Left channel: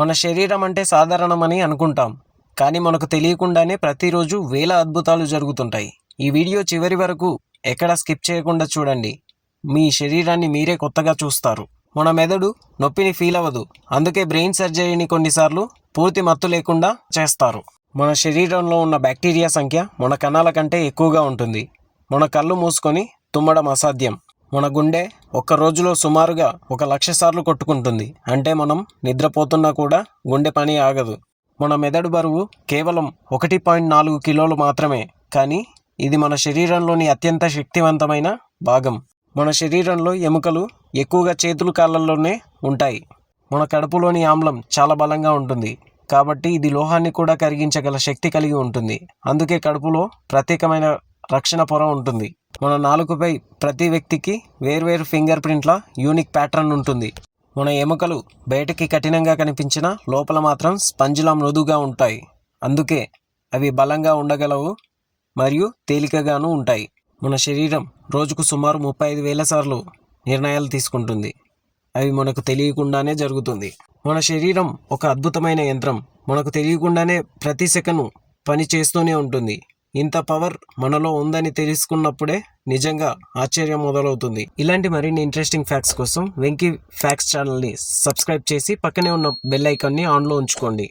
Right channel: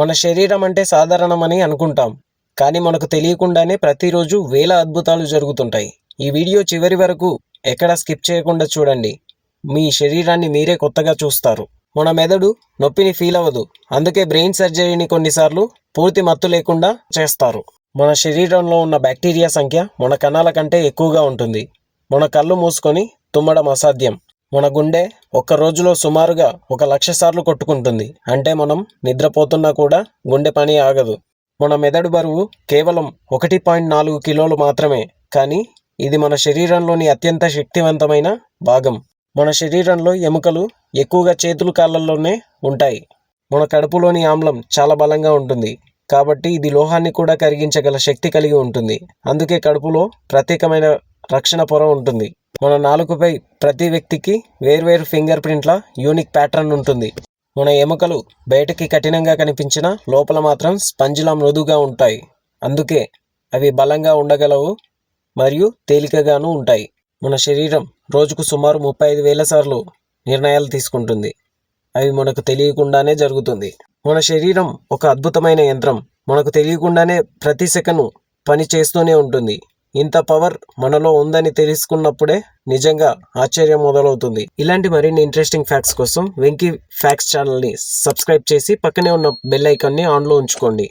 మన శరీరం అంటే సాధారణమని అనుకుంటాం. కానీ మనకు తెలియకుండానే ప్రతిరోజు వేల అద్భుతాలు జరుగుతుంటాయి. ఈ వీడియో చివరి వరకు ఎక్కడ స్కిప్ చేయకుండా చూడండి. మీ శరీరాన్ని మీరే కొత్తగా చూస్తారు. మన మెదడు నొప్పిని ఫీల్ అవ్వదు. అందుకే బ్రెయిన్ సర్జరీని కొన్నిసార్లు పూర్తి మత్తు లేకుండా చేస్తారు. మన శరీరంలో ఉన్న బ్యాక్టీరియా సంఖ్య మన కణాల కంటే ఎక్కువగా ఉంటుంది. మన కళ్ళు మూసుకొని తుమ్మడం అసాధ్యం. మన గుండె ఒక్క రోజులో సుమారుగా ఒక లక్ష సార్లు కొట్టుకుంటుంది. అంటే మనం నిద్రపోతున్నా కూడా గుండె పని ఆగదు. మన మెదడు బరువు కేవలం ఒకటి పాయింట్ నాలుగు కిలోలు మాత్రమే. కానీ ఇది మన శరీరంలోని అత్యంత శక్తివంతమైన భాగం. మన శరీరంలో ఎముకలు ఎక్కువగా చేతులు కాళ్ళల్లోనే ఉంటాయి. మన కడుపులోని ఆమ్లం చాలా బలంగా ఉంటుంది. కాబట్టి ఇది లోహాన్ని కూడా కరిగించగల శక్తి కలిగి ఉంటుంది. అందుకే కడుపులో ప్రత్యేకమైన రక్షణ పొర ఉంటుంది. మన నాలుకపై ప్రతి వ్యక్తికి వేర్వేరు ఫింగర్ ప్రింట్ల యూనిక్ ప్యాటర్న్ ఉంటుంది. మన ఎముకలు బయటకి కఠినంగా కనిపించిన లోపల మాత్రం స్పంజిలా మృదుగా ఉంటాయి. అందుకే అవి బలంగా ఉండగలవు మరియు తేలికగాను ఉంటాయి. మన శరీరం రోజుకు సుమారు ముప్పై ఐదు వేల సార్లు నిర్ణయాలు తీసుకుంటుంది. అవి మనకు తెలియకుండానే జరుగుతుంది. మన శరీరం ఒక అద్భుతమైన యంత్రం. మనకు తెలియకుండానే ప్రతి సెకను పని చేస్తూనే ఉంటుంది. ఇంత పవర్ మనలో ఉందని తెలుసుకున్నప్పుడే నిజంగా ఆశ్చర్యం మొదలవుతుంది. ఇలాంటి మరిన్ని ఇంట్రెస్టింగ్ ఫ్యాక్ట్స్ కోసం వెంకీ ఫ్యాక్ట్స్ ఛానల్ని సబ్స్క్రైబ్ చేసి పక్కనే ఉన్న బెల్ ఐకాన్ని ఆన్లో ఉంచుకోండి.